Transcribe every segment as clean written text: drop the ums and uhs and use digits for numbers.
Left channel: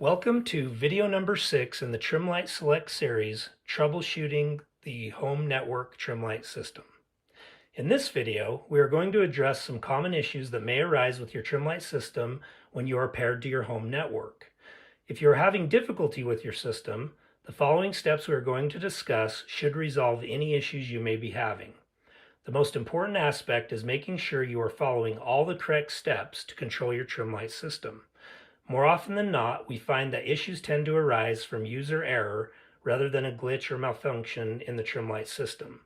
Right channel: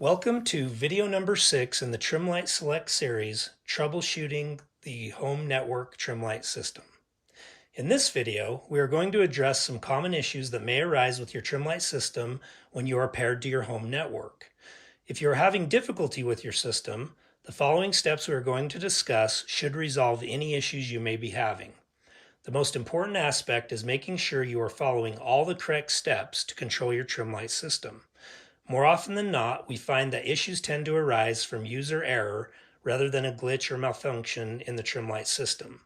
Welcome to video number 6 in the Trimlight Select series, Troubleshooting the Home Network Trimlight System. In this video, we are going to address some common issues that may arise with your Trimlight system when you are paired to your home network. If you are having difficulty with your system, the following steps we are going to discuss should resolve any issues you may be having. The most important aspect is making sure you are following all the correct steps to control your Trimlight system. More often than not, we find that issues tend to arise from user error rather than a glitch or malfunction in the Trimlight system.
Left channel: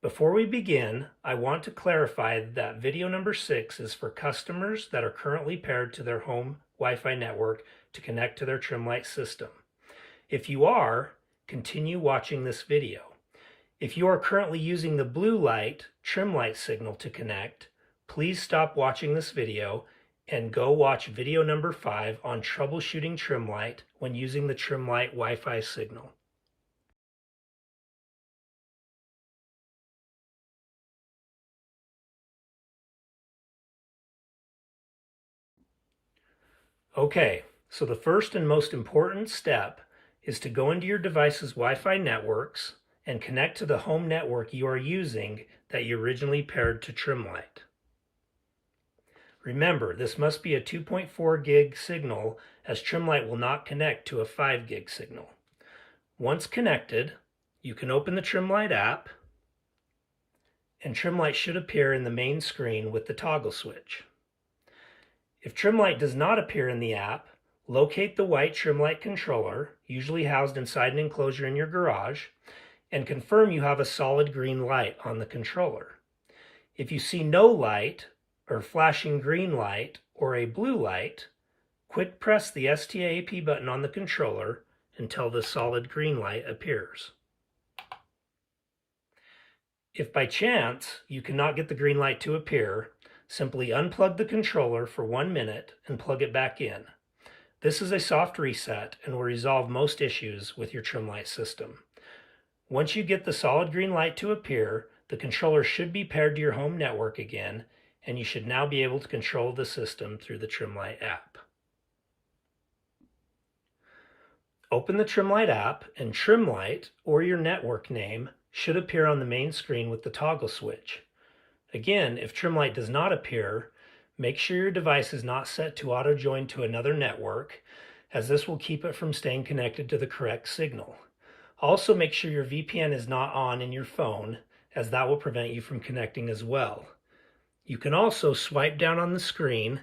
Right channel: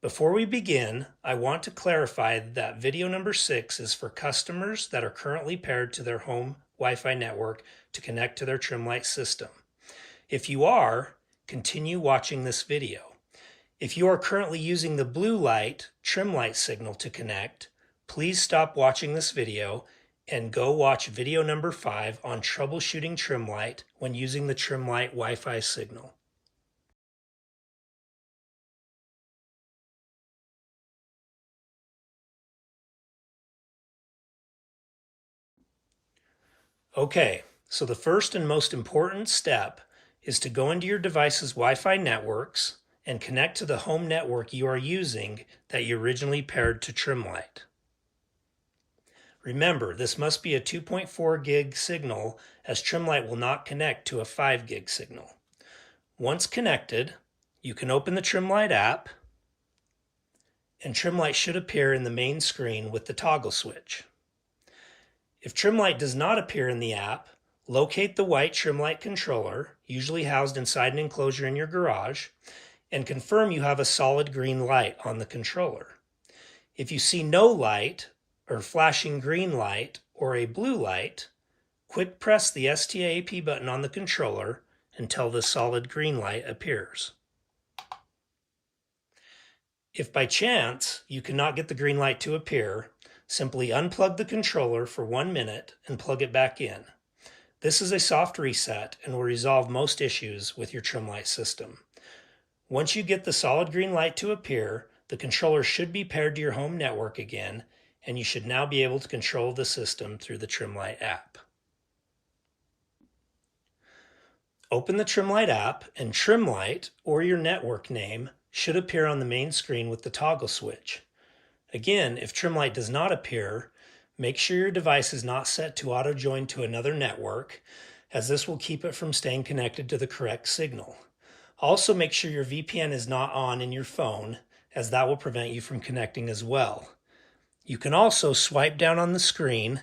Before we begin, I want to clarify that video number 6 is for customers that are currently paired to their home Wi-Fi network to connect to their Trimlight system. If you are, continue watching this video. If you are currently using the blue light Trimlight signal to connect, please stop watching this video and go watch video number 5 on troubleshooting Trimlight when using the Trimlight Wi-Fi signal. Okay, so the first and most important step is to go into your device's Wi-Fi networks and connect to the home network you are using that you originally paired to Trimlight. Remember, this must be a 2.4 gig signal as Trimlight will not connect to a 5 gig signal. Once connected, you can open the Trimlight app and Trimlight should appear in the main screen with the toggle switch. If Trimlight does not appear in the app, locate the white Trimlight controller, usually housed inside an enclosure in your garage, and confirm you have a solid green light on the controller. If you see no light, or flashing green light, or a blue light, quick press the STAAP button on the controller until the solid green light appears. If by chance you cannot get the green light to appear, simply unplug the controller for 1 minute and plug it back in. This is a soft reset and will resolve most issues with your Trimlight system. Once you get the solid green light to appear, the controller should be paired to your home network again, and you should now be able to control the system through the Trimlight app. Open the Trimlight app and Trimlight, or your network name, should appear on the main screen with the toggle switch. Again, if Trimlight does not appear, make sure your device is not set to auto-join to another network, as this will keep it from staying connected to the correct signal. Also, make sure your VPN is not on in your phone, as that will prevent you from connecting as well. You can also swipe down on the screen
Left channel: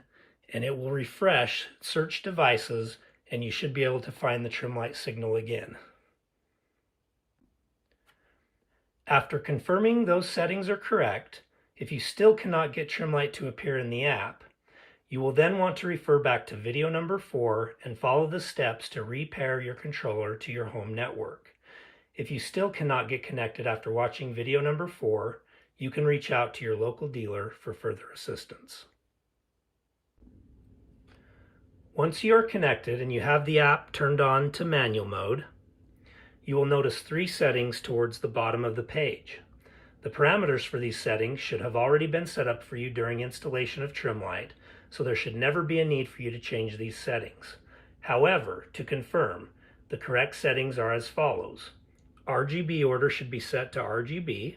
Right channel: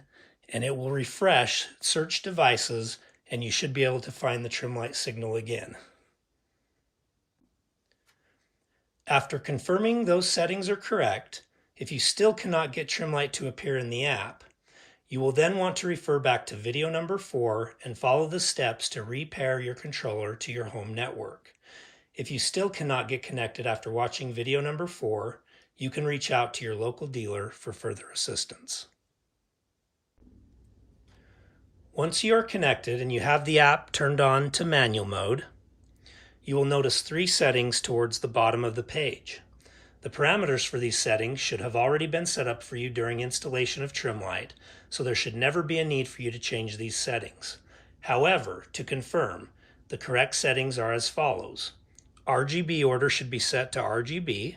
and it will refresh search devices and you should be able to find the Trimlight signal again. After confirming those settings are correct, if you still cannot get Trimlight to appear in the app, you will then want to refer back to video number 4 and follow the steps to repair your controller to your home network. If you still cannot get connected after watching video number 4, you can reach out to your local dealer for further assistance. Once you are connected and you have the app turned on to manual mode, you will notice 3 settings towards the bottom of the page. The parameters for these settings should have already been set up for you during installation of Trimlight, so there should never be a need for you to change these settings. However, to confirm, the correct settings are as follows. RGB order should be set to RGB.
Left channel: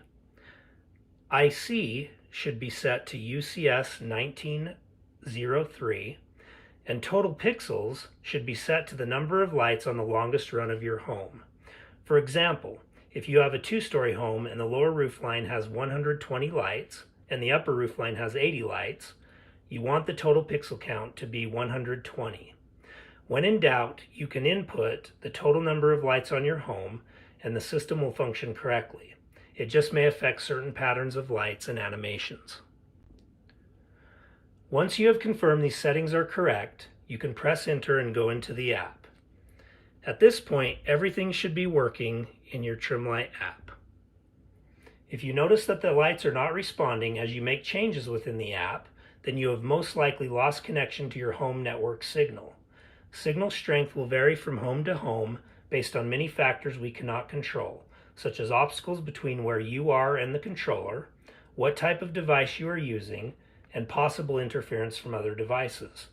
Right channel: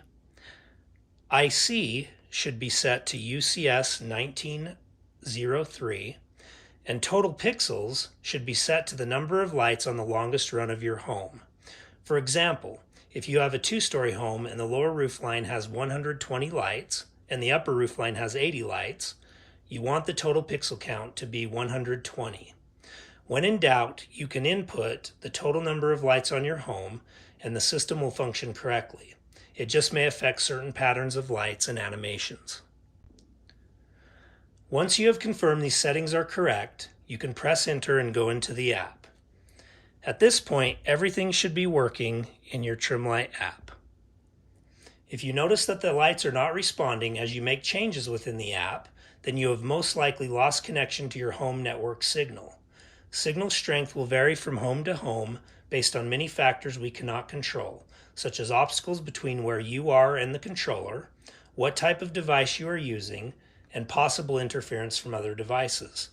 IC should be set to UCS 1903, and total pixels should be set to the number of lights on the longest run of your home. For example, if you have a 2-story home and the lower roof line has 120 lights and the upper roof line has 80 lights, you want the total pixel count to be 120. When in doubt, you can input the total number of lights on your home and the system will function correctly. It just may affect certain patterns of lights and animations. Once you have confirmed these settings are correct, you can press enter and go into the app. At this point, everything should be working in your Trimlight app. If you notice that the lights are not responding as you make changes within the app, then you have most likely lost connection to your home network signal. Signal strength will vary from home to home based on many factors we cannot control, such as obstacles between where you are and the controller, what type of device you are using, and possible interference from other devices.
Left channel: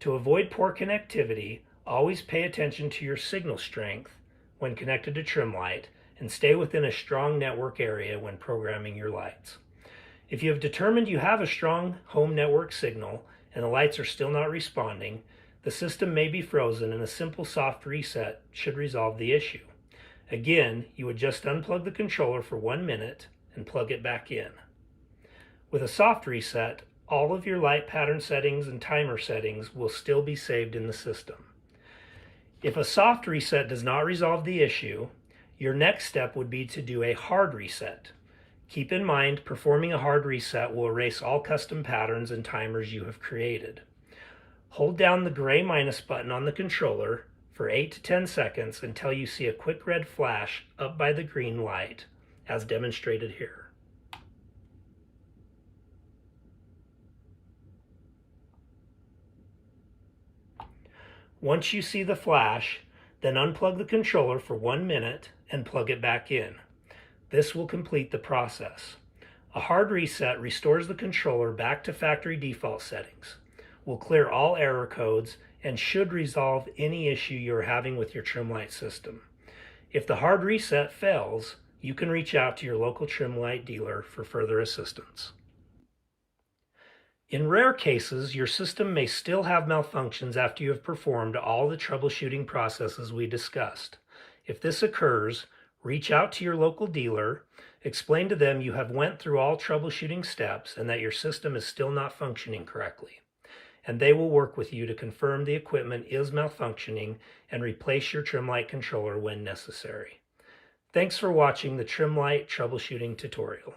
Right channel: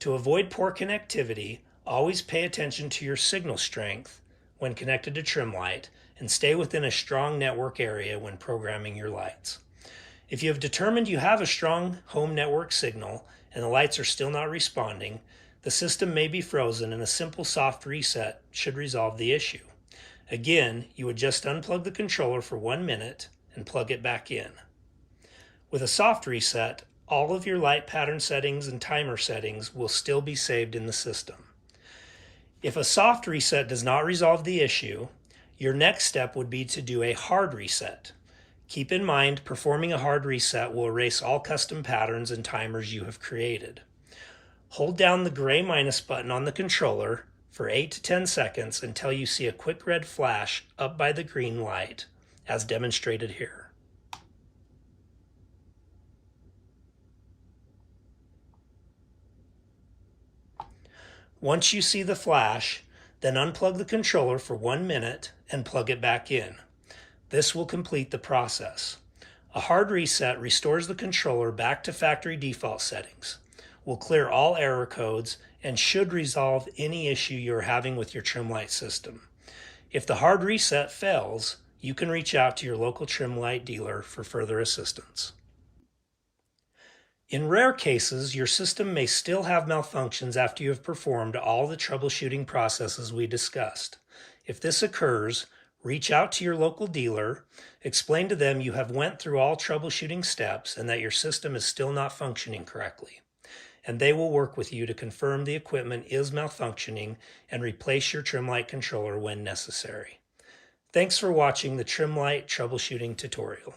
To avoid poor connectivity, Always pay attention to your signal strength when connected to trim light and stay within a strong network area when programming your lights. If you have determined you have a strong home network signal and the lights are still not responding, the system may be frozen and a simple soft reset should resolve the issue. Again, you would just unplug the controller for 1 minute and plug it back in. With a soft reset, all of your light pattern settings and timer settings will still be saved in the system. If a soft reset does not resolve the issue, your next step would be to do a hard reset. Keep in mind, performing a hard reset will erase all custom patterns and timers you have created. Hold down the gray minus button on the controller for 8 to 10 seconds until you see a quick red flash up by the green light, as demonstrated here. Once you see the flash, then unplug the controller for 1 minute and plug it back in. This will complete the process. A hard reset restores the controller back to factory default settings, will clear all error codes, and should resolve any issue you're having with your trim light system. If the hard reset fails, you can reach out to your local trim light dealer for further assistance. In rare cases, your system may still have malfunctions after you have performed all the troubleshooting processes we discussed. If this occurs, reach out to your local dealer, explain to them you have went through all troubleshooting steps and that your system is still not functioning correctly, and they will work with you to confirm the equipment is malfunctioning and replace your trim light controller when necessary. Thanks for watching the trim light troubleshooting tutorial.